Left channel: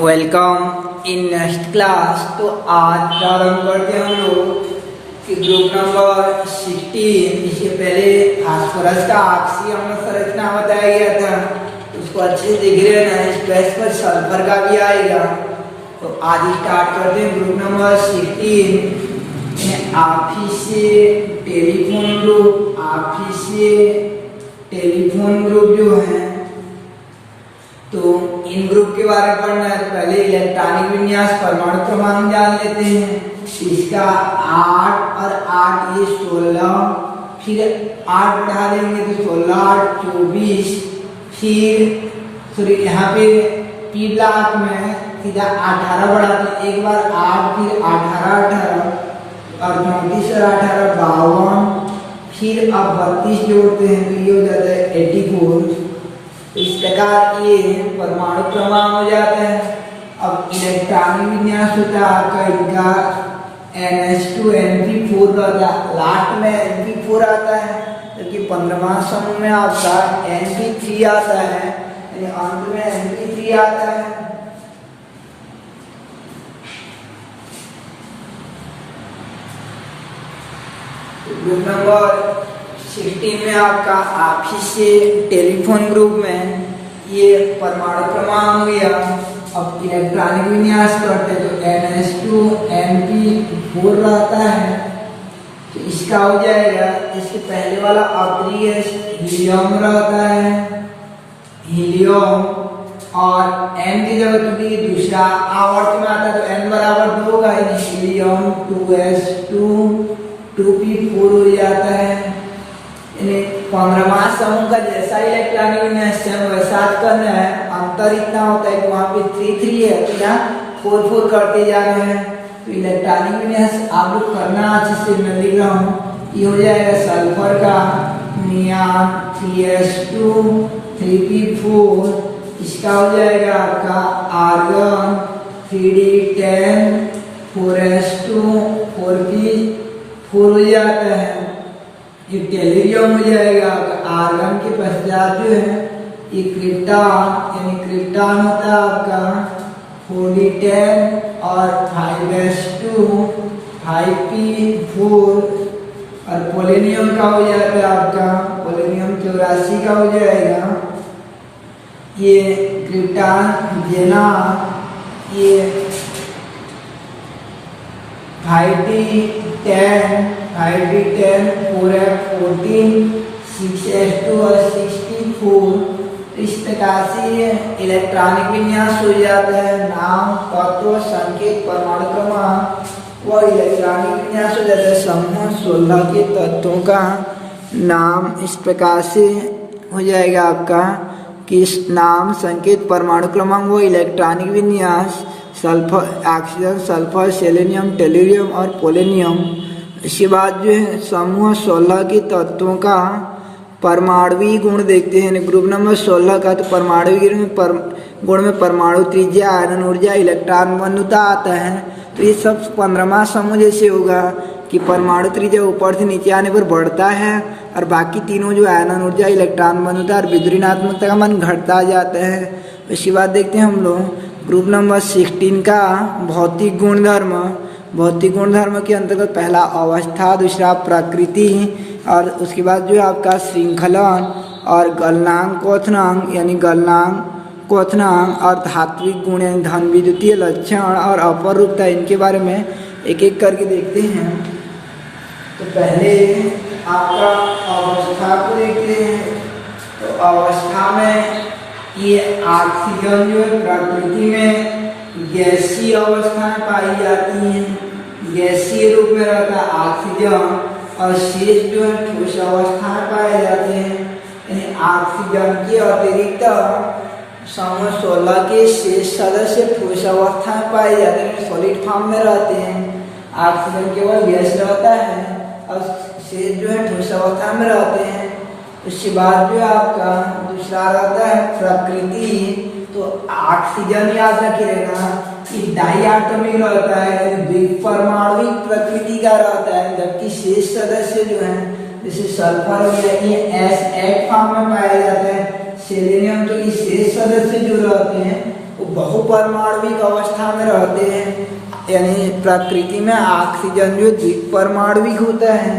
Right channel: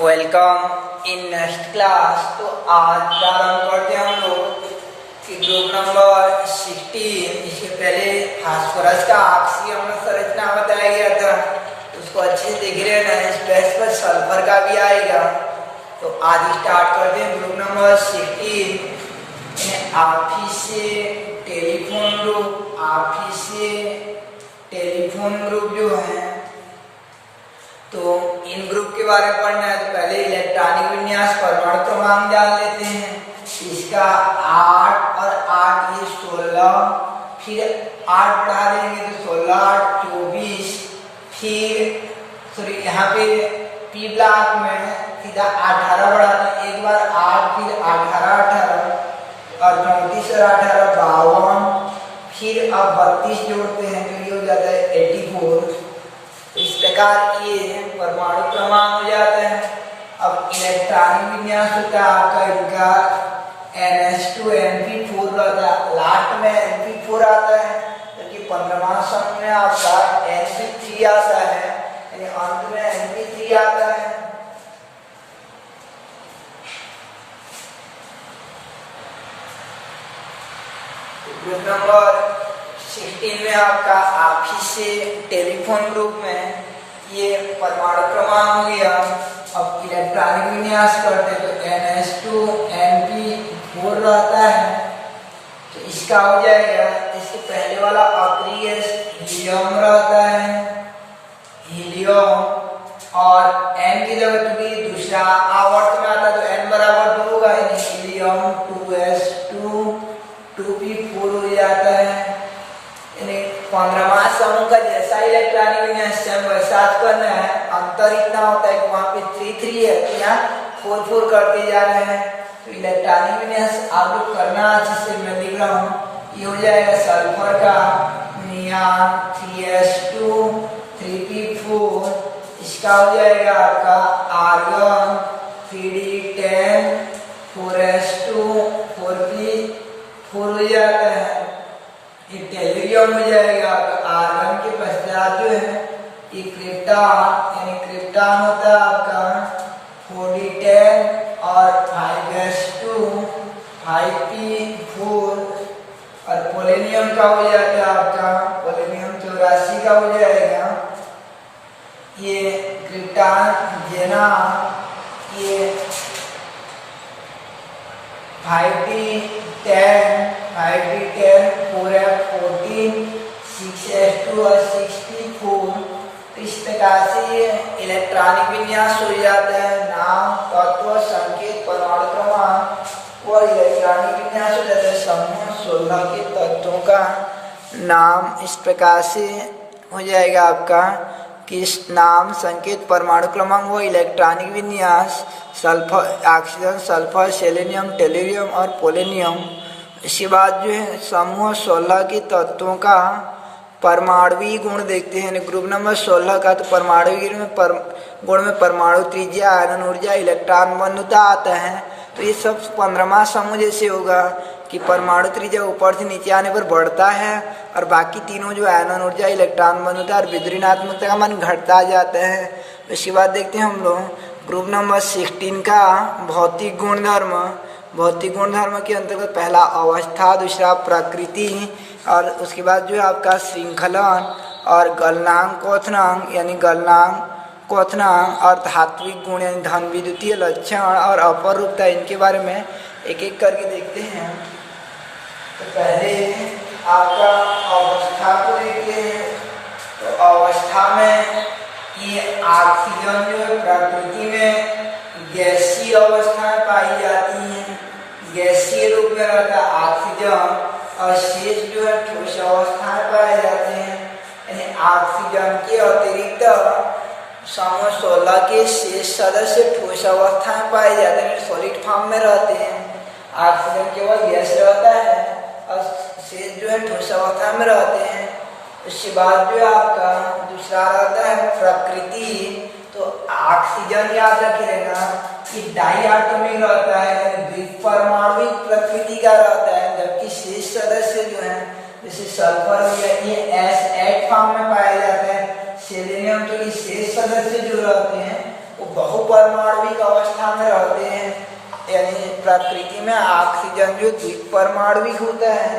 Welcome in next class. तो आज प्रारंभ करते हैं हम लोग कि ग्रुप नंबर 16। इससे पहले फास्फोरस का ऑक्सीजन संरचना बताया गया था, उसको अच्छे से देख रहे हैं ना। इस पेज पर सल्फर का भी आएगा। तो आज स्टार्ट करते हैं ग्रुप नंबर 16। ऑफिस से टेलीफोन ग्रुप, ऑफिस से टेलीफोन ग्रुप जो है, तो इन ग्रुप के बारे में पढ़ना है। तो पहले इलेक्ट्रॉनिक विन्यास परमाणु क्रमांक जान लेते हैं। इसका 8 और 8 ये 16, फिर 8 बढ़ा लेंगे तो 16 8 24, फिर सॉरी यहाँ पे पी ब्लॉक में सीधा 18 बढ़ाते हैं। एक बार 8 फिर 18 18 और 34 और 18 52, फिर अब 32 जोड़ते हैं तो ये हो जाता है 84। तो इस प्रकार ये परमाणु क्रमांक हो जाते हैं। अब इलेक्ट्रॉनिक विन्यास होता है आपका इनका NH2 NP4 रहता है, लास्ट में NP4 आता है, जबकि 15वां समूह में आपका NP3 आता है, यानी अंत में NP3 आता है। ग्रुप नंबर 16 में आपका ऑफिस से टेलीफोन ग्रुप में ये परमाणु क्रमांक हो गया। अब इलेक्ट्रॉनिक विन्यास करते हैं तो NH2 NP4 रहता है, तो इसका हो जाएगा। इसके पहले वाला आखिरी हीलियम रहता है, हीलियम, और N की जगह क्योंकि दूसरा आवर्त में आता है तो N बराबर 2 होगा, हीलियम 2s2 2p4 हो जाता है। 15वां समूह का जैसा इलेक्ट्रॉनिक विन्यास वैसा करना है। अंतर इतना होता है कि वहां पे 3 3 है, तो यहाँ 4 4 करते जा रहे हैं। तो इलेक्ट्रॉनिक विन्यास आप लोग करना अच्छे से, मैं लिख रहा हूँ। ये हो जाएगा सल्फर का नियान 3s2 3p4, इसका हो जाएगा आपका आर्गन 3d10 4s2 4p4 हो जाता है। ये टेलीरियम हो जाएगा। आर्गन के पश्चात जो है ये क्रिप्टॉन, यानी क्रिप्टॉन होता है आपका 4d10 और 5s2 5p4, और पोलेनियम का हो जाता है आपका पोलेनियम 84 का हो जाएगा। ये क्रिप्टॉन जेना ये 5d10 4f14 6s2 और 64। इस प्रकार से ये इलेक्ट्रॉनिक विन्यास हो जाता है। नाम, तत्व, संकेत, परमाणु क्रमांक, वह इलेक्ट्रॉनिक विन्यास हो जाता है। समूह 16 के तत्वों का नाम इस प्रकार से हो जाएगा आपका कि नाम, संकेत, परमाणु क्रमांक, वो इलेक्ट्रॉनिक विन्यास सल्फर, ऑक्सीजन, सल्फर, सेलेनियम, टेलीरियम और पोलेनियम। इसके बाद जो है समूह 16 के तत्वों का परमाणुवीय गुण देखते हैं। ग्रुप नंबर 16 का तो परमाणुवीय गुण में परमाणु त्रिज्या, आयनन ऊर्जा, इलेक्ट्रॉन बंधुता आता है। तो ये सब 15वां समूह जैसे होगा कि परमाणु त्रिज्या ऊपर से नीचे आने पर बढ़ता है, और बाकी तीनों जो आयनन ऊर्जा, इलेक्ट्रॉन बंधुता और विद्युत ऋणात्मकता का मान घटता जाता है। इसके बाद देखते हैं हम लोग ग्रुप नंबर 16 का भौतिक गुणधर्म। भौतिक गुणधर्म के अंतर्गत पहला अवस्था, दूसरा प्रकृति, और उसके बाद जो है आपका श्रृंखलन और गलनांक क्वथनांक, यानी गलनांक क्वथनांक, और धात्विक गुण यानी धन विद्युतीय लक्षण और अपरूपता। इनके बारे में एक एक करके देखते हैं। तो पहले आपका अवस्था को देखते हैं। तो अवस्था में ये ऑक्सीजन जो है प्रकृति में गैसीय अवस्था में पाई जाती है, गैसीय रूप में रहता है ऑक्सीजन, और शेष जो है ठोस अवस्था में पाए जाते हैं। यानी ऑक्सीजन के अतिरिक्त समूह 16 के शेष सदस्य ठोस अवस्था में पाए जाते हैं, सॉलिड फॉर्म में रहते हैं। ऑक्सीजन केवल गैस रहता है और शेष जो है ठोस अवस्था में रहते हैं। उसके बाद जो आपका दूसरा रहता है प्रकृति। तो ऑक्सीजन याद रखे रहना कि डाइएटॉमिक रहता है, यानी द्विपरमाणुविक प्रकृति का रहता है, जबकि शेष सदस्य जो है जैसे सल्फर हो गया ये S8 फॉर्म में पाया जाता है। सेलेनियम तो इस शेष सदस्य जो रहते हैं वो बहुपरमाणुविक अवस्था में रहते हैं। यानी प्रकृति में ऑक्सीजन जो द्विपरमाणुविक होता है,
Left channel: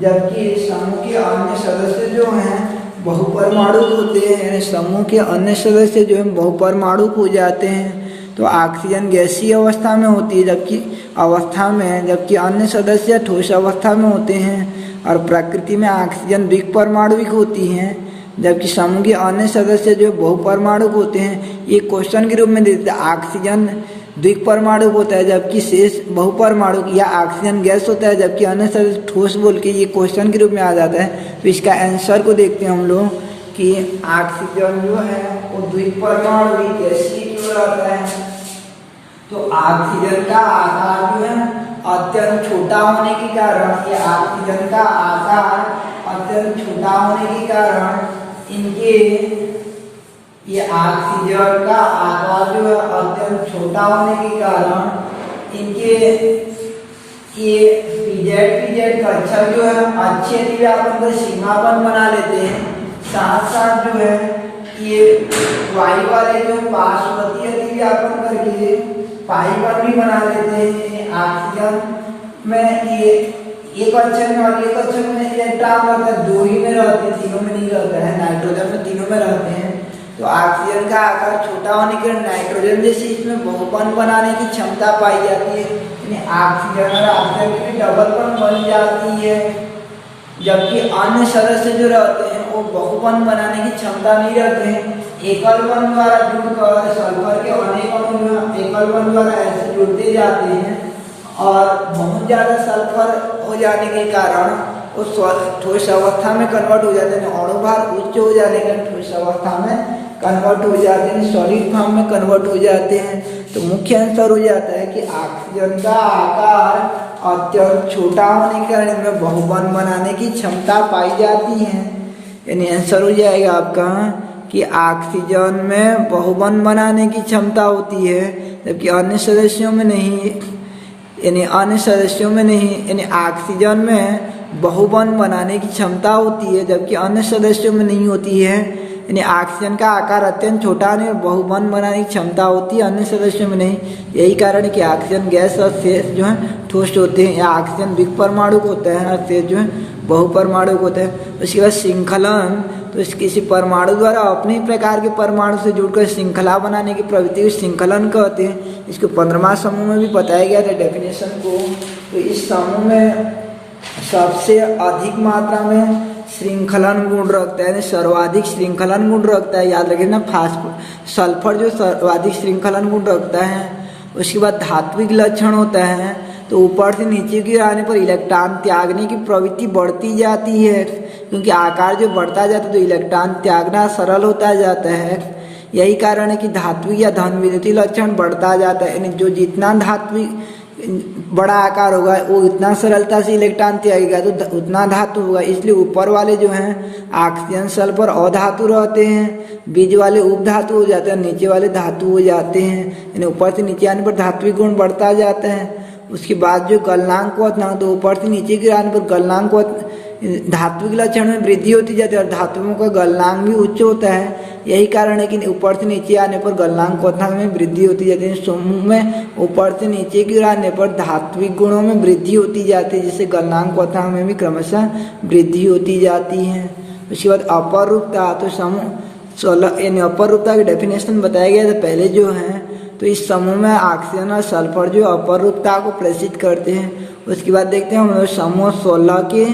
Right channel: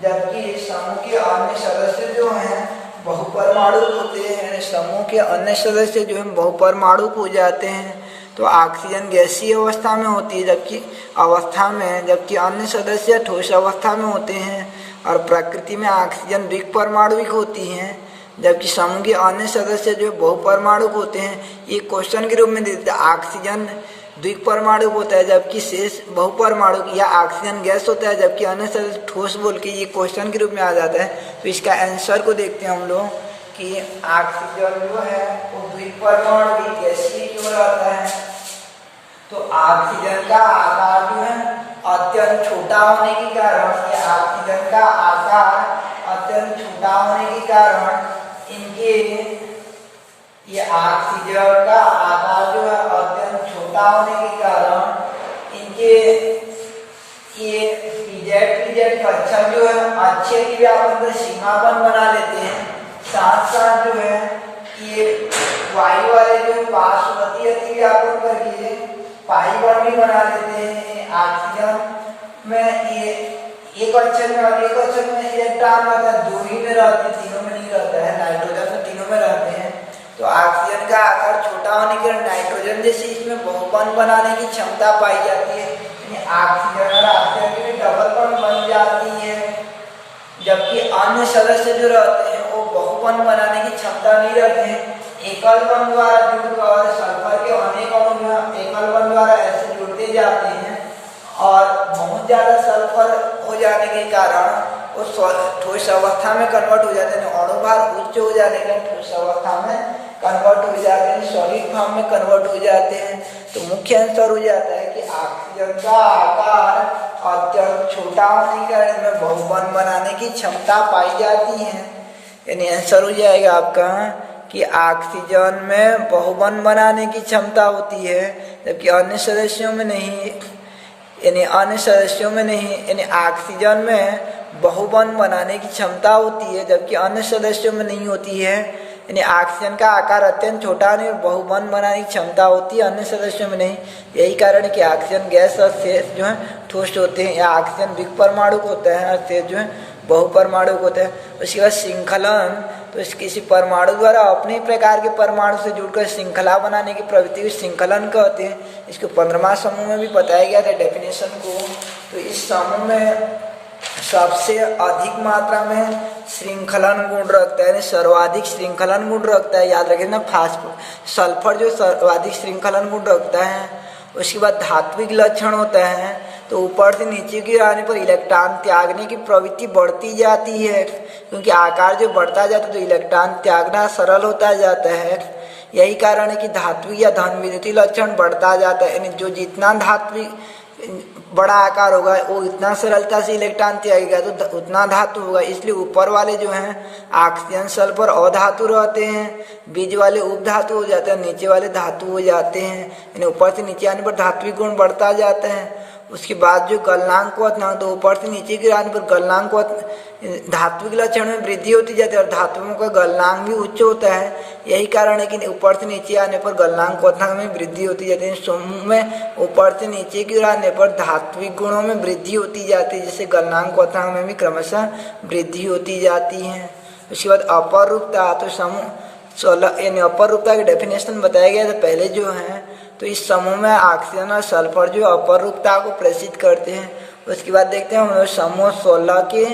जबकि समूह के अन्य सदस्य जो हैं बहुपरमाणुक होते हैं। समूह के अन्य सदस्य जो हैं बहुपरमाणुक हो जाते हैं। तो ऑक्सीजन गैसीय अवस्था में होती है जबकि अन्य सदस्य ठोस अवस्था में होते हैं। और प्रकृति में ऑक्सीजन द्विपरमाणुविक होती हैं, जबकि समूह के अन्य सदस्य जो बहुपरमाणुक होते हैं। ये क्वेश्चन के रूप में देते हैं, ऑक्सीजन द्विपरमाणुक होता है जबकि शेष बहुपरमाणुक, या ऑक्सीजन गैस होता है जबकि अन्य सदस्य ठोस, बोल के ये क्वेश्चन के रूप में आ जाता है। तो इसका आंसर को देखते हैं हम लोग कि ऑक्सीजन जो है वो द्विपरमाणुविक गैसीय क्यों रहता है। तो ऑक्सीजन का आकार जो है अत्यंत छोटा होने के कारण, ये ऑक्सीजन का आकार अत्यंत छोटा होने के कारण इनके, ये ऑक्सीजन का आकार जो है अत्यंत छोटा होने के कारण इनके ये पीजेड कक्षक जो है अच्छे अतिव्यापन का सीमापन बना लेते हैं। साथ साथ जो है ये वायु वाले जो है पार्श्ववर्ती अतिव्यापन करके पाइबर भी बना लेते हैं। ऑक्सीजन में ये एक कक्षक में और एक कक्षक में इलेक्ट्रॉन रहता है, दो ही में रहते हैं, तीनों में नहीं रहता है। नाइट्रोजन में तीनों में रहते हैं। तो ऑक्सीजन का आकार छोटा होने के कारण नाइट्रोजन जैसे इसमें बहुबंध बनाने की क्षमता पाई जाती है। यानी ऑक्सीजन और ऑक्सीजन की डबल बॉन्ड बन जाती है, जबकि अन्य सदस्य जो रहते हैं वो बहुबंध बनाने की क्षमता नहीं रखते हैं। एकल बंध द्वारा जुड़कर सल्फर के अनेक अणु एकल बंध द्वारा ऐसे जुड़ते जाते हैं और बहुत ज्यादा सल्फर हो जाने के कारण उस ठोस अवस्था में कन्वर्ट हो जाते हैं। अणु भार उच्च हो जाने के ठोस अवस्था में कन्वर्ट हो जाते हैं, सॉलिड फॉर्म में कन्वर्ट हो जाते हैं। तो मुख्य आंसर हो जाता है कि ऑक्सीजन का आकार अत्यंत छोटा होने के कारण इनमें बहुबंध बनाने की क्षमता पाई जाती है। यानी आंसर हो जाएगा आपका कि ऑक्सीजन में बहुबंध बनाने की क्षमता होती है जबकि अन्य सदस्यों में नहीं। यानी अन्य सदस्यों में नहीं, यानी ऑक्सीजन में बहुबंध बनाने की क्षमता होती है जबकि अन्य सदस्यों में नहीं होती है। यानी ऑक्सीजन का आकार अत्यंत छोटा नहीं और बहुबंध बनाने की क्षमता होती है, अन्य सदस्यों में नहीं। यही कारण है कि ऑक्सीजन गैस और शेष जो है ठोस होते हैं, या ऑक्सीजन द्विपरमाणुक होता है और शेष जो है बहुपरमाणुक होता है। उसके बाद श्रृंखलन, तो इस किसी परमाणु द्वारा अपने ही प्रकार के परमाणु से जुड़कर श्रृंखला बनाने की प्रवृत्ति को श्रृंखलन कहते हैं। इसको 15वां समूह में भी बताया गया था डेफिनेशन को। तो इस समूह में सबसे अधिक मात्रा में श्रृंखलन गुण रखता है, सर्वाधिक श्रृंखलन गुण रखता है। याद रखिए ना, सल्फर जो सर्वाधिक श्रृंखलन गुण रखता है। उसके बाद धात्विक लक्षण होता है, तो ऊपर से नीचे की आने पर इलेक्ट्रॉन त्यागने की प्रवृत्ति बढ़ती जाती है, क्योंकि आकार जो बढ़ता जाता है तो इलेक्ट्रॉन त्यागना सरल होता जाता है। यही कारण है कि धात्विक या धन विद्युतीय लक्षण बढ़ता जाता है। यानी जो जितना धात्विक बड़ा आकार होगा वो इतना सरलता से इलेक्ट्रॉन त्यागेगा तो उतना धातु होगा। इसलिए ऊपर वाले जो हैं ऑक्सीजन सल्फर अधातु रहते हैं, बीच वाले उपधातु हो जाते हैं, नीचे वाले धातु हो जाते हैं। यानी ऊपर से नीचे आने पर धात्विक गुण बढ़ता जाता है। उसके बाद जो गलनांक ना, तो ऊपर से नीचे गिराने पर गलनांक धात्विक लक्षण में वृद्धि होती जाती है और धातुओं का गलनांक भी उच्च होता है। यही कारण है कि ऊपर से नीचे आने पर गलनांक में वृद्धि होती जाती है। समूह में ऊपर से नीचे की ओर आने पर धात्विक गुणों में वृद्धि होती जाती है, जिससे गलनांक में भी क्रमशः वृद्धि होती जाती है। उसके बाद अपर रूपता, तो समूह 16 यानी अपर रूपता की डेफिनेशन बताया गया था पहले जो है। तो इस समूह में ऑक्सीजन और सल्फर जो अपर रूपता को प्रेषित करते हैं। उसके बाद देखते हैं हम लोग समूह 16 के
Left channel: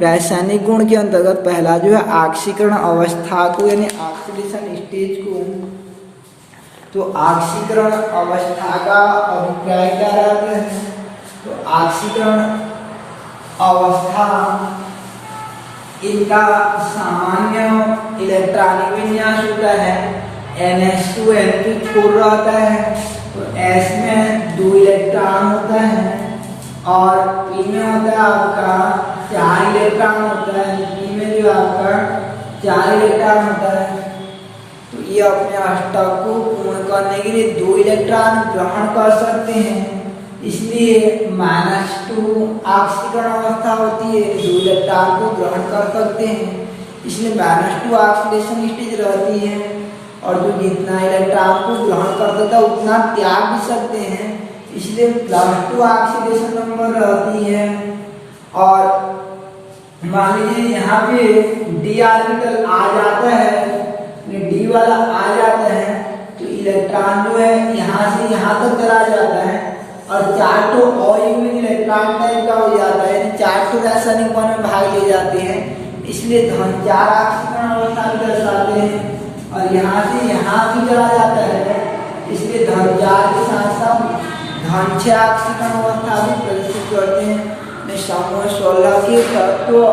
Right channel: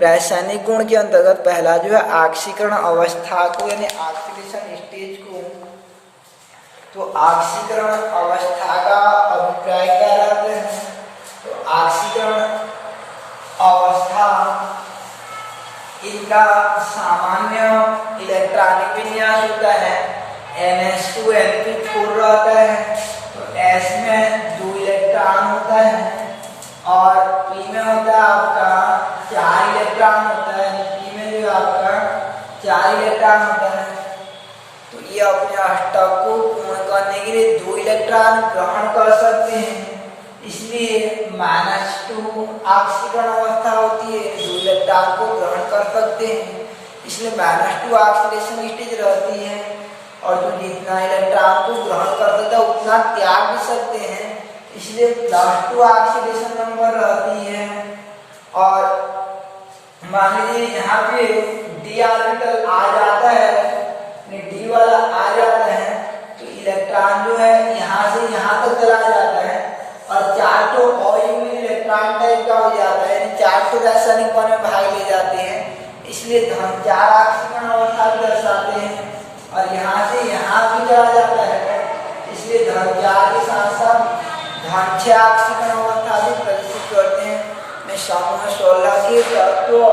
रासायनिक गुण के अंतर्गत पहला जो है ऑक्सीकरण अवस्था को, यानी ऑक्सीडेशन स्टेज को। तो ऑक्सीकरण अवस्था का अभिप्राय क्या रहता है? तो ऑक्सीकरण अवस्था इनका सामान्य इलेक्ट्रॉनिक विन्यास होता है। NH2 N2 छोड़ रहता है, तो S में 2 इलेक्ट्रॉन होता है और P में होता है आपका 4 इलेक्ट्रॉन होता है। P में जो आपका 4 इलेक्ट्रॉन होता है, तो ये अपने अष्टक को पूर्ण करने के लिए 2 इलेक्ट्रॉन ग्रहण कर सकते हैं। इसलिए -2 ऑक्सीकरण अवस्था होती है, 2 इलेक्ट्रॉन को ग्रहण कर सकते हैं, इसलिए -2 ऑक्सीडेशन स्टेज रहती है। और जो जितना इलेक्ट्रॉन को ग्रहण करता था उतना त्याग भी सकते हैं, इसलिए +2 ऑक्सीडेशन नंबर रहती है। और मान लीजिए यहाँ पे d ऑर्बिटल आ जाता है, d वाला आ जाता है, तो इलेक्ट्रॉन जो है यहाँ से यहाँ तक चला जाता है और 4 तो अयुग्मित इलेक्ट्रॉन टाइप का हो जाता है, यानी 4 तो रासायनिक बॉन्ड में भाग ले जाते हैं, इसलिए धन 4 ऑक्सीकरण अवस्था भी दर्शाते हैं। और यहाँ से यहाँ भी चला जाता है, इसलिए धन 4 के साथ साथ धन 6 ऑक्सीकरण अवस्था भी प्रदर्शित करते हैं। में समूह 16 के तत्वों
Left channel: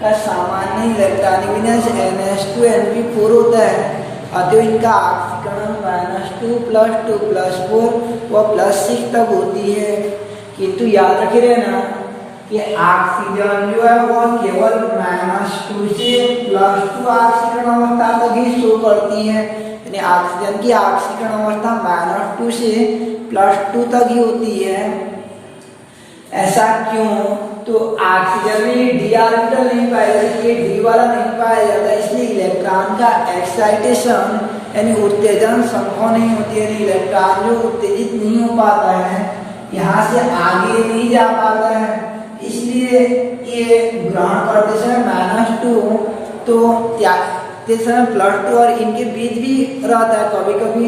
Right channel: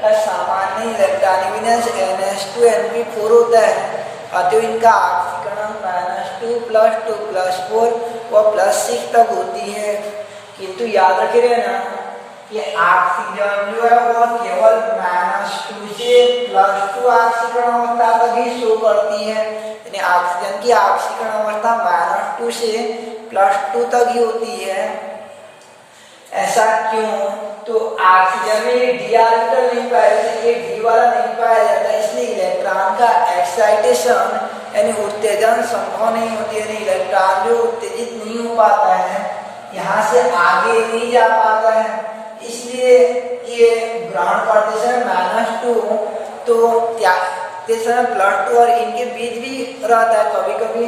का सामान्य इलेक्ट्रॉनिक विन्यास NH2Np4 होता है, अतः इनका ऑक्सीकरण -2 + 2 + 4 व +6 तक होती है। किंतु याद रखिए ना कि ऑक्सीजन जो है वह केवल -2 से +2 ऑक्सीकरण अवस्था तक ही शो करती है, यानी ऑक्सीजन की ऑक्सीकरण अवस्था -2 से +2 तक ही होती है। ऐसा क्यों? तो ऑक्सीजन में d ऑर्बिटल नहीं पाया जाता, ये d वाला नहीं पाया जाता, इसलिए इलेक्ट्रॉन का एक्साइटेशन यानी उत्तेजन संभव नहीं होती, यानी इलेक्ट्रॉन जो उत्तेजित नहीं हो पाता है, यहाँ से आगे नहीं जा पाता है, इसलिए ये ग्रहण करते समय -2 तो त्यागते समय +2 और इनके बीच भी रहता है, कभी कभी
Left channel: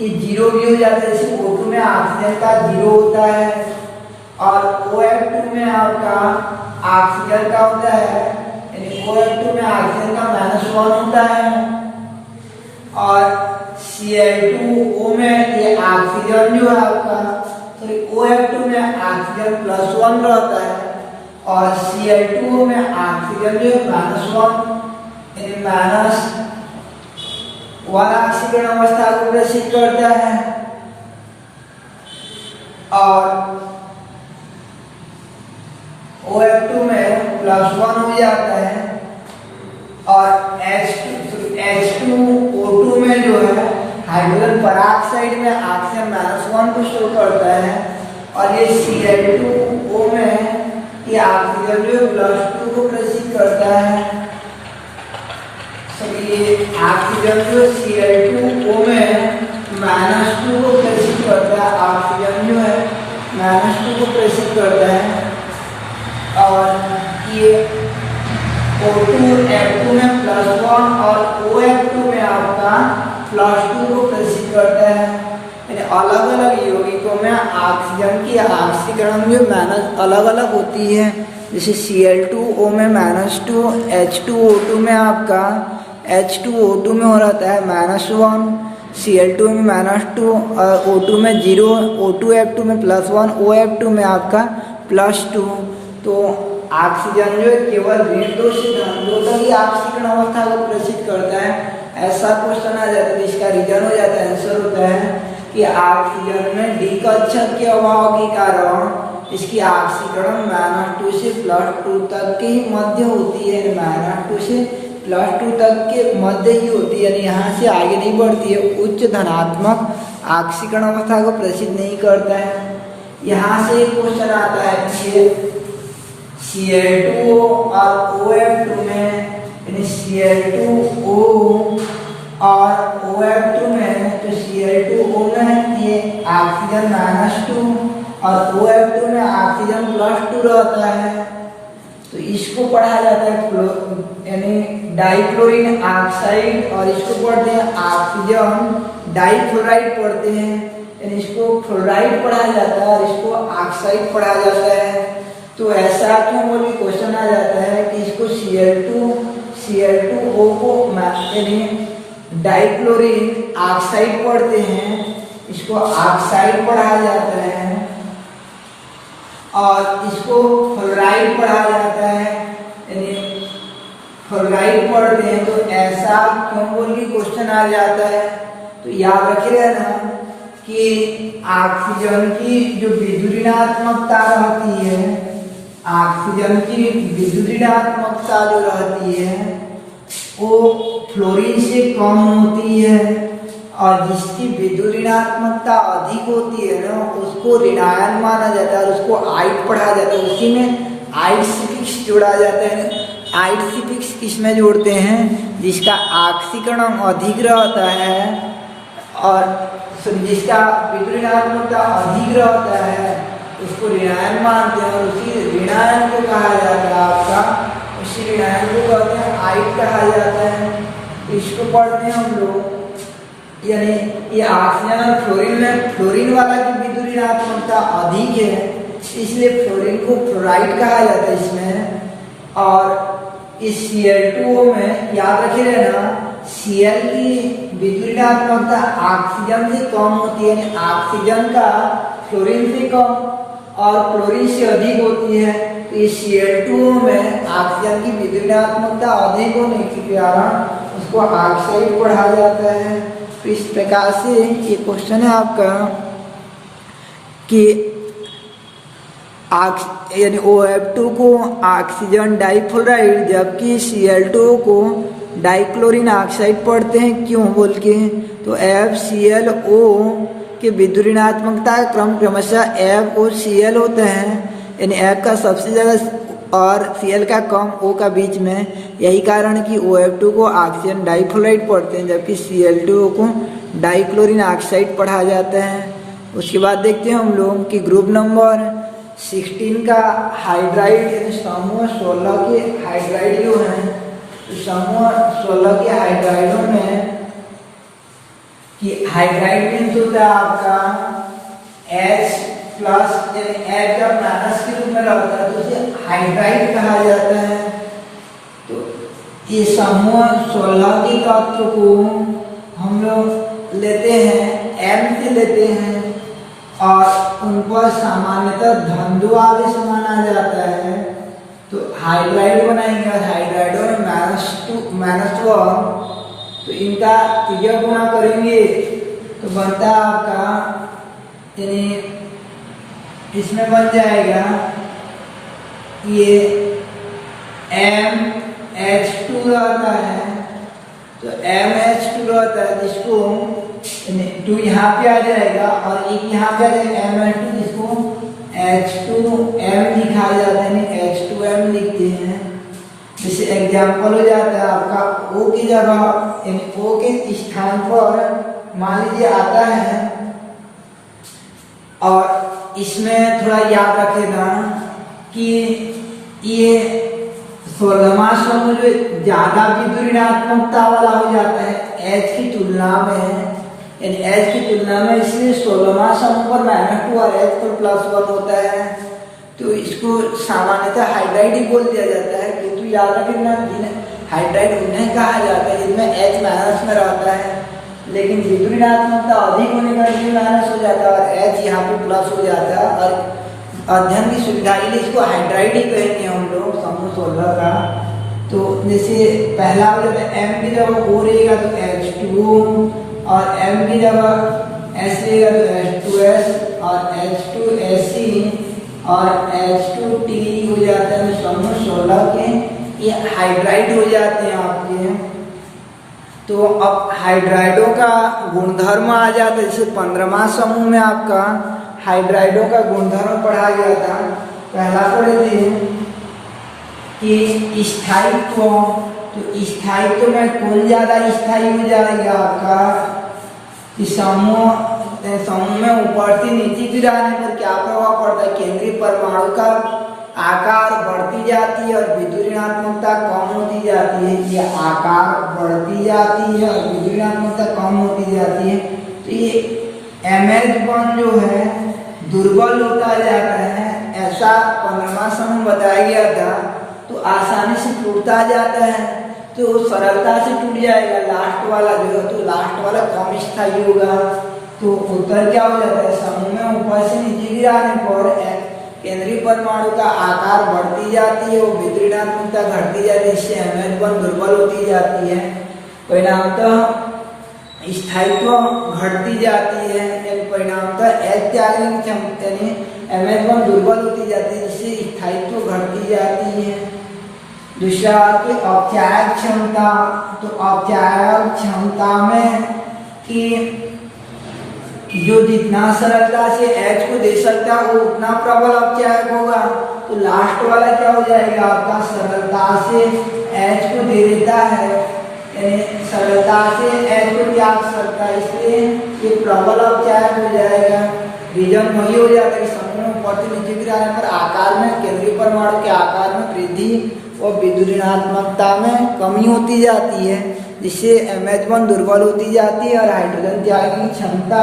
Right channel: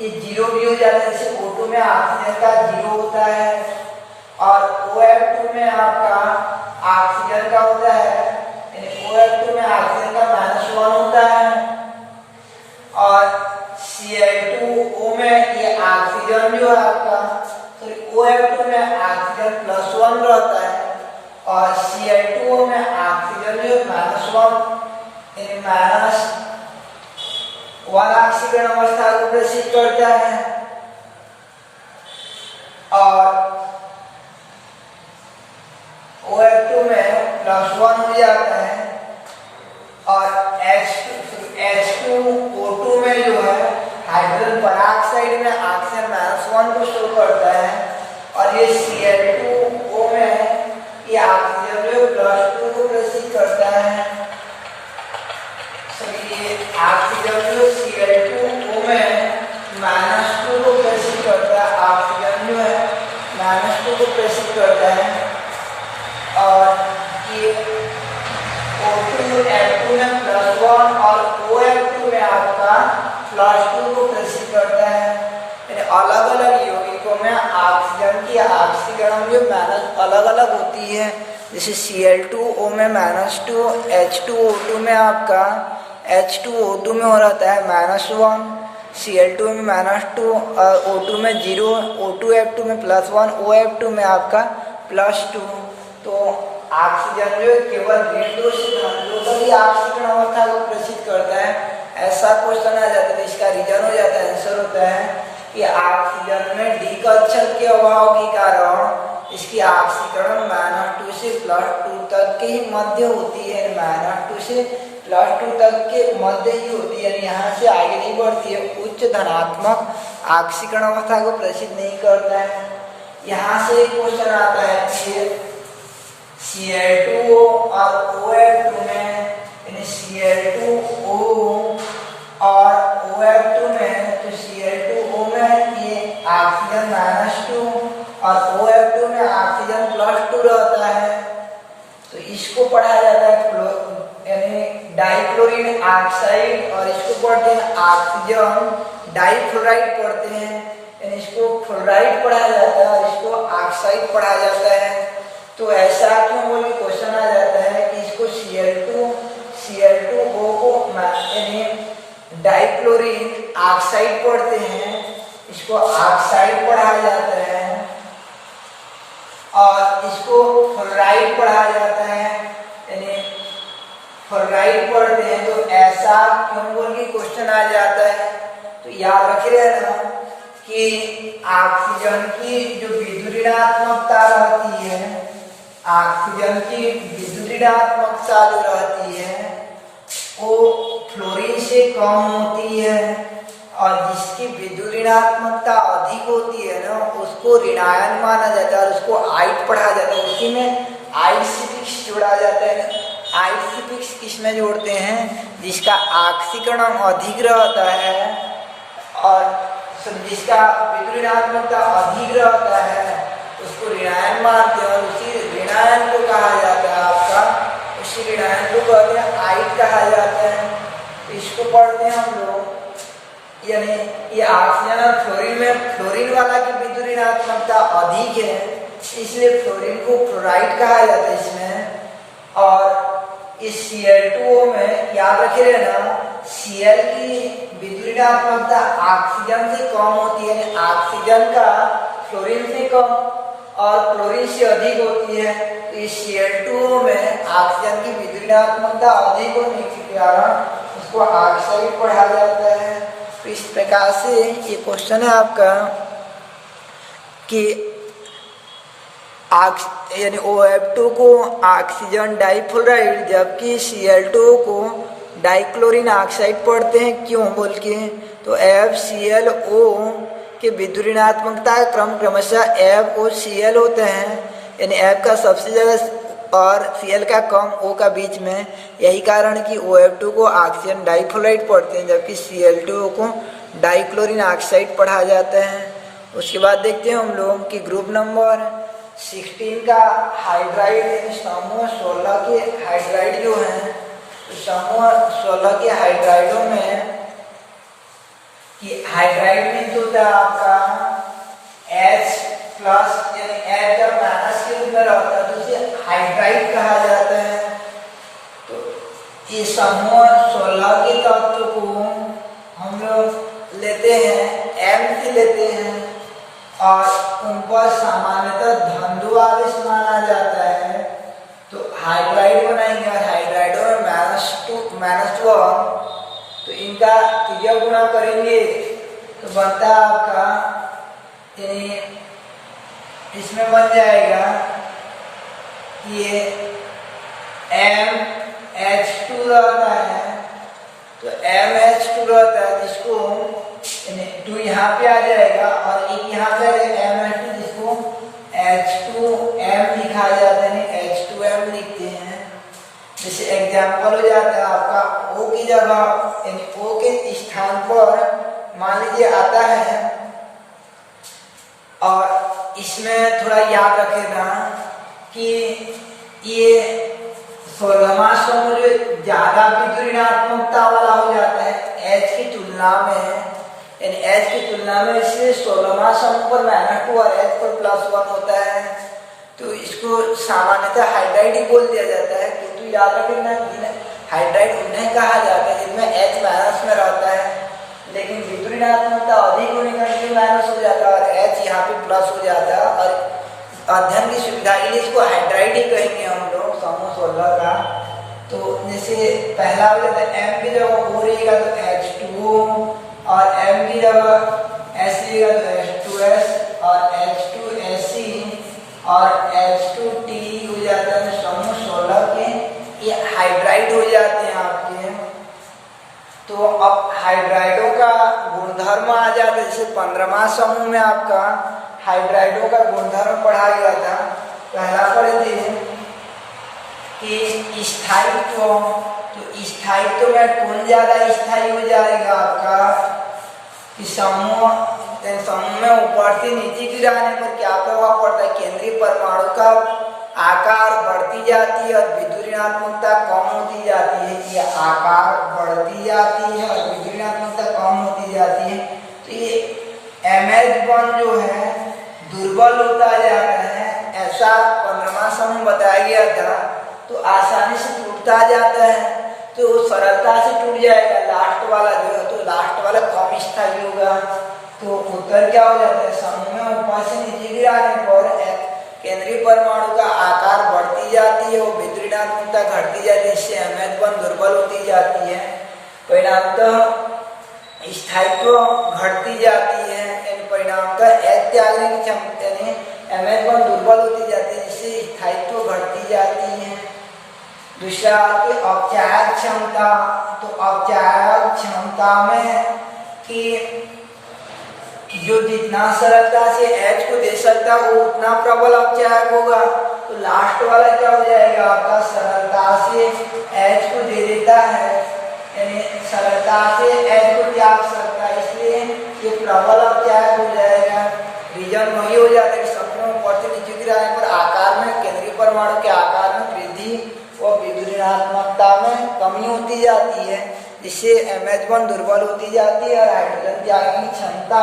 ये 0 भी हो जाता है, जैसे O2 में ऑक्सीजन का 0 होता है और OF2 में आपका ऑक्सीजन का होता है, यानी OF2 में ऑक्सीजन का -1 होता है और Cl2O में ये ऑक्सीजन जो है आपका OF2 में ऑक्सीजन +1 रहता है और Cl2O में ऑक्सीजन जो -1 यानी -1 ऑक्सीकरण अवस्था को प्रदर्शित करता है। और OF2 में +1 हो जाता है और H2O2 में जो है हाइड्रोजन पेरोक्साइड में ऑक्सीजन -1 को शो करता है और ये Cl2O में ये ऑक्सीजन जो +2 को प्रदर्शित करता है। ये ऑक्सीजन जो Cl2O में -2 को प्रदर्शित करता है, ऑक्सीजन जो है -2 को प्रदर्शित करता है और ये O2F2 में +1 और OF2 में आपका +2 को प्रदर्शित करता है, यानी अलग अलग यौगिकों में ऑक्सीजन की ऑक्सीकरण जो अलग अलग होती है, जैसे Cl2O में -2, H2O2 में आपका H2O2 में हो रहता है -1, Cl2 में -2 और O2 में 0, O2F2 में +1, OF2 में आपका +2। तो ऑक्सीजन जो केवल ऋण 2 से धन 2 तक ही ऑक्सीकरण अवस्था को प्रदर्शित करता है। ऐसा क्वेश्चन आ जाता है, इसका रीजन हो जाता है, आंसर होता है कि ऑक्सीजन में D कक्षक के अभाव के कारण इसकी ऑक्सीकरण -2 से +2 तक की मध्य होती है, -2 से +2 तक के मध्य ही होती है, यानी यहाँ से आगे नहीं बढ़ती है, उच्च धनात्मक ऑक्सीकरण अवस्था को प्रदर्शित नहीं करता है। यहाँ से एक क्वेश्चन आता है कि Cl2O और OF2 में, यानी Cl2O और OF2 में, तो Cl2O में ये ऑक्सीजन -2 और OF2 में ऑक्सीजन +2 रहता है, तो इसको पढ़ा जाता है यानी डाइक्लोरीन ऑक्साइड, और इसको पढ़ते हैं ऑक्सीजन डाइफ्लोराइड पढ़ते हैं, यानी इसको फ्लोराइड पढ़ा जाता है और इसको ऑक्साइड पढ़ा जाता है। तो ऐसा क्यों बोल के क्वेश्चन आ जाता है कि इसको Cl2O को यानी डाइक्लोरीन ऑक्साइड पढ़ते हैं, इसको ऑक्साइड पढ़ा जाता है और इसको फ्लोराइड पढ़ा जाता है, यानी फ्लोराइड पढ़ते हैं। तो ऐसा क्यों बोल के क्वेश्चन आ जाता है? तो याद रखिए ना कि ऑक्सीजन की जो विद्युत ऋणात्मकता रहती है, ऑक्सीजन की विद्युत ऋणात्मकता जो रहती है वो फ्लोरीन से कम होती है, और जिसकी विद्युत ऋणात्मकता अधिक होती है ना उसको ऋणायन माना जाता है और उसको आइड पढ़ा जाता है, उसी में आइड सफिक्स जोड़ा जाता है। आइट सिफिक्स किसमें जोड़ते हैं? जिसका ऑक्सीकरण अधिक रहता है और जिसका विपरीतात्मकता अधिक रहता है उसको ऋणायन मानते हैं, और उसी ऋणायन को कहा जाता है आपका, उसी ऋणायन को कहते हैं आइट कहा जाता है। इसको पढ़ते हैं हम लोग, यानी ये ऑक्सीजन और फ्लोरीन में फ्लोरीन वाला की विद्युत ऋणात्मकता अधिक है, इसलिए फ्लोरीन को फ्लोराइड कहा जाता है इसमें। और इस Cl2O में याद रखे रहना, Cl की विद्युत ऋणात्मकता ऑक्सीजन से कम होती है, ऑक्सीजन का फ्लोरीन से कम और फ्लोरीन से अधिक होती है। तो इस Cl2O में ऑक्सीजन की विद्युत ऋणात्मकता अधिक होने के कारण उसको ऑक्साइड पढ़ा जाता है। तो इस प्रकार से ये क्वेश्चन है आपका कि यानी OF2 को ऑक्सीजन डाइफ्लोराइड जबकि Cl2O को डाइक्लोरीन ऑक्साइड पढ़ते हैं, क्यों बोल के? तो FClO के विद्युत ऋणात्मकता का क्रम क्रमशः FOCl होते हैं, यानी F का सबसे ज़्यादा और Cl का कम, O का बीच में। यही कारण कि OF2 को ऑक्सीजन डाइफ्लोराइड पढ़ते हैं जबकि Cl2O को डाइक्लोरीन ऑक्साइड पढ़ा जाता है। उसके बाद देखते हैं हम लोग कि ग्रुप नंबर 16 का हाइड्राइड यानी समूह 16 के हाइड्राइड जो हैं, समूह 16 के हाइड्राइडों में कि हाइड्राइड मीन्स होता है आपका H प्लस यानी H का माइनस के रूप में रहता है, तो इसे हाइड्राइड कहा जाता है। तो ये समूह 16 के तत्व को हम लोग लेते हैं M से लेते हैं और उन पर सामान्यतः धंधु आवेश माना जाता है। तो हाइड्राइड बनाएंगे और हाइड्राइडों में -1, तो इनका त्रिज्या गुणा करेंगे तो बनता है आपका, यानी इसमें बन जाएगा ये MH2 रहता है, तो MH2 रहता है जिसको 2 यहाँ पे आ जाएगा और एक यहाँ पे आ जाएगा MH2 जिसको H2M लिखा जाता है, H2M लिखते हैं। जैसे एग्जाम्पल हो जाता है आपका O की जगह यानी O के स्थान पर मान लीजिए आता है, और इसमें थोड़ा याद रखेगा कि ये 16वां समूह जो ज्यादा विद्युत ऋणात्मकता वाला हो जाता है H की तुलना में, यानी H की तुलना में, इसलिए 16वां समूह पर -2 और H पर +1 होता है। तो इसको सामान्यतः हाइड्राइड ही बोल दिया जाता है, किंतु याद रखना हाइड्राइड उन्हें कहा जाता है जिनमें H माइनस में रहता है, लेकिन विद्युत ऋणात्मकता अधिक होने का माइनस हो जाता है और H यहाँ पे प्लस हो जाता है। और अध्ययन की सुविधा के लिए इसको हाइड्राइड ही कहेंगे हम लोग समूह 16 का। तो जैसे पहला हो जाता है M की जगह O रहेगा तो H2O, और M की जगह S रहेगा तो H2S और H2SC और H2T हो जाता है समूह 16 के, ये हाइड्राइड हो जाते हैं आपके। तो अब हाइड्राइडों का गुणधर्म आ जाता है, जैसे 15वां समूह में आपका हाइड्राइडों का गुणधर्म पढ़ा गया था। पहला पढ़े थे कि स्थायित्व, तो स्थायित्व में कौन ज्यादा स्थायी हो जाएगा आपका कि समूह में ऊपर से नीचे गिराने पर क्या प्रभाव पड़ता है? केंद्रीय परमाणु का आकार बढ़ती जाती है और विद्युत ऋणात्मकता कम होती जाती है। ये आकार बढ़ती जाती है और विद्युत ऋणात्मकता कम होती जाती है। तो ये MH1 जो है दुर्बल होता जाता है, ऐसा 15वां समूह बताया गया था। तो आसानी से टूटता जाता है, तो सरलता से टूट जाएगा लास्ट वाला जो है, तो लास्ट वाला कम स्थायी होगा। तो उत्तर क्या हो जाता है? समूह में ऊपर से नीचे गिराने पर केंद्रीय परमाणु का आकार बढ़ती जाती है, वो विद्युत ऋणात्मकता घटती जाती है, इससे MH1 दुर्बल होती जाती है। परिणामतः स्थायित्व घटती जाती है, यानी परिणामतः H त्यागने की क्षमता यानी MH1 दुर्बल होती जाती है, इससे स्थायित्व घटती जाती है। दूसरा कि औपचारिक क्षमता, तो औपचारिक क्षमता में कि जो जितना सरलता से H को दे सकता है वो उतना प्रबल औपचारिक होगा, तो लास्ट वाला क्या हो जाएगा आपका, सरलता से H को दे देता है, यानी सरलता से H को त्याग सकता है, इसलिए ये प्रबल और त्याग हो जाएगा। रीजन वही हो जाता है, समूह ऊपर से नीचे गिराने पर आकार में, केंद्रीय परमाणु के आकार में वृद्धि और विद्युत ऋणात्मकता में कमी होती जाती है, जिससे MH बॉन्ड दुर्बल होती जाती है और हाइड्रोजन त्यागने की क्षमता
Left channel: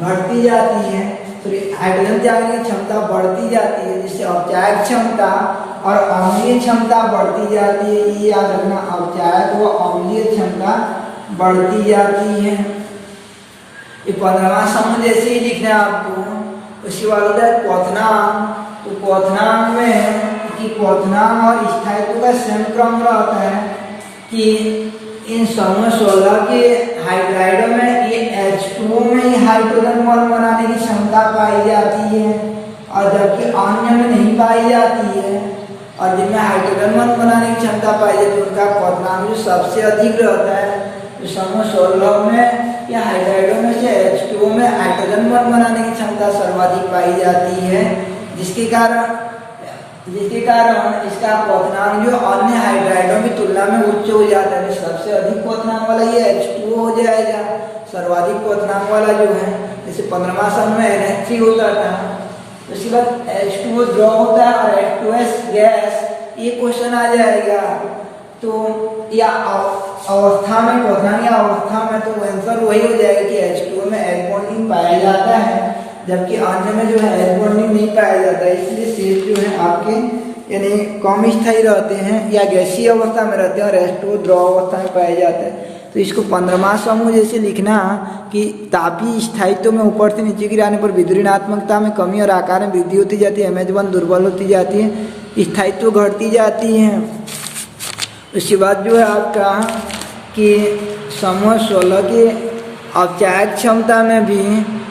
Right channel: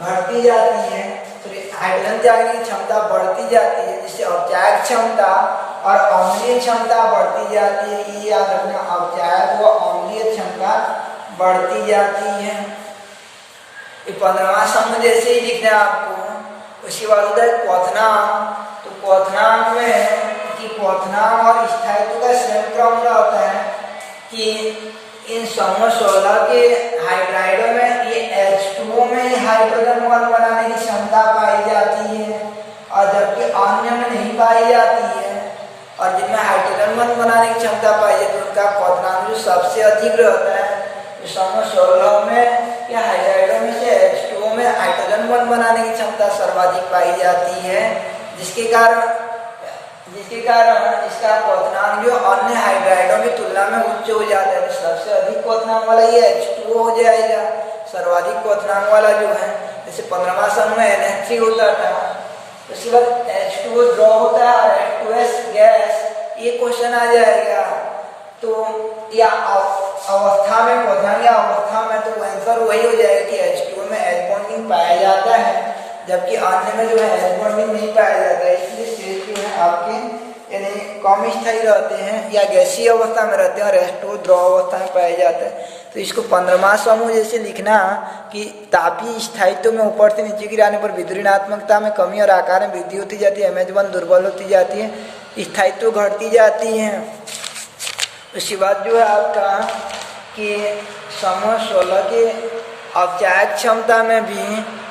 घटती जाती है। तो हाइड्रोजन त्यागने की क्षमता बढ़ती जाती है, जिससे अवचायक क्षमता और अम्लीय क्षमता बढ़ती जाती है। ये याद रखना, अवचायक व अम्लीय क्षमता बढ़ती जाती है। ये 15वां समूह जैसे ही लिखना है आपको। उसके बाद होता है क्वथनांक। तो क्वथनांक में कि क्वथनांक और स्थायित्व का स्वयं क्रम रहता है कि इन समूह 16 के हाइड्राइडों में ये H2O में ही हाइड्रोजन बॉन्ड बनाने की क्षमता पाई जाती है, और जबकि अन्य में नहीं पाई जाती है। और जिनमें हाइड्रोजन बॉन्ड बनाने की क्षमता पाई जाती है उनका क्वथनांक जो सबसे अधिक रहता है। तो समूह 16 में या हाइड्राइडों में से H2O में हाइड्रोजन बॉन्ड बनाने की क्षमता सर्वाधिक पाई जाती है, जिसके कारण इसका क्वथनांक जो अन्य हाइड्राइडों की तुलना में उच्च हो जाता है। तो सबसे अधिक क्वथनांक वाला ये H2O हो जाएगा, सर्वाधिक क्वथनांक वाला जो है। जैसे 15वां समूह NH3 होता था, उसके बाद H2O ड्रॉ होता है और H2S गैस, ये क्वेश्चन आ जाएगा। तो या अवस्था में, क्वथनांक या अवस्था में, तो आंसर वही हो जाएगा कि H2O में H बॉन्डिंग पाया जाता है, जबकि अन्य में जो है H बॉन्डिंग नहीं पाया जाता है। इसलिए शेष जो है आपके यानी कम स्थायी रहते हैं या गैसीय अवस्था में रहते हैं और H2O द्रव अवस्था में पाया जाता है। तो इसको 15वां समूह जैसे लिखना कि तापीय स्थायित्व में ऊपर से नीचे गिराने पर विद्युत ऋणात्मकता में कमी और आकार में वृद्धि होती जाती है, MH बॉन्ड दुर्बल होती जाती है, स्थायित्व घटती जाती है। उसके बाद जो है आपका कि समूह 16 के अवचायक क्षमता में भी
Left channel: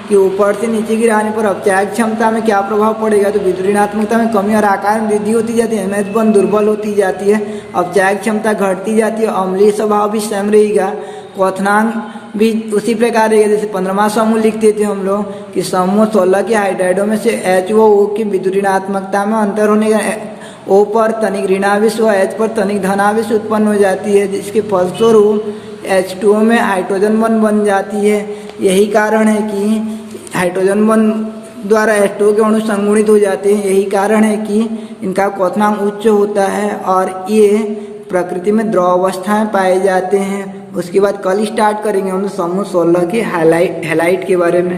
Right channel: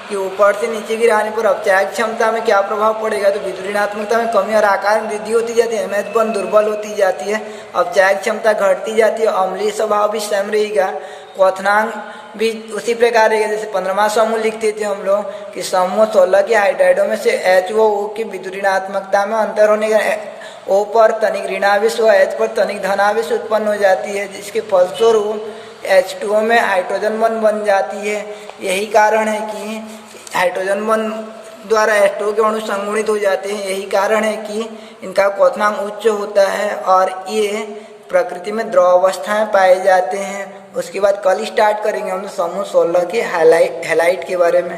कि ऊपर से नीचे गिराने पर अवचायक क्षमता में क्या प्रभाव पड़ेगा, तो विद्युत ऋणात्मकता में कमी और आकार में वृद्धि होती जाती है, MH बॉन्ड दुर्बल होती जाती है, अवचायक क्षमता घटती जाती है, अम्लीय स्वभाव भी सेम रहेगा, क्वथनांक भी उसी प्रकार रहेगा। जैसे 15वां समूह लिखते थे हम लोग कि समूह 16 के हाइड्राइडों में से H व O की विद्युत ऋणात्मकता में अंतर होने का O पर तनिक ऋणावेश व H पर तनिक धनावेश उत्पन्न हो जाती है, जिसके फलस्वरूप H2O में हाइड्रोजन बॉन्ड बन जाती है। यही कारण है कि हाइड्रोजन बॉन्ड द्वारा H2O के अणु संगुणित हो जाते हैं। यही कारण है कि इनका क्वथनांक उच्च होता है और ये प्रकृति में द्रव अवस्था में पाए जाते हैं। उसके बाद कल स्टार्ट करेंगे हम समूह 16 के हैलाइट के बारे में।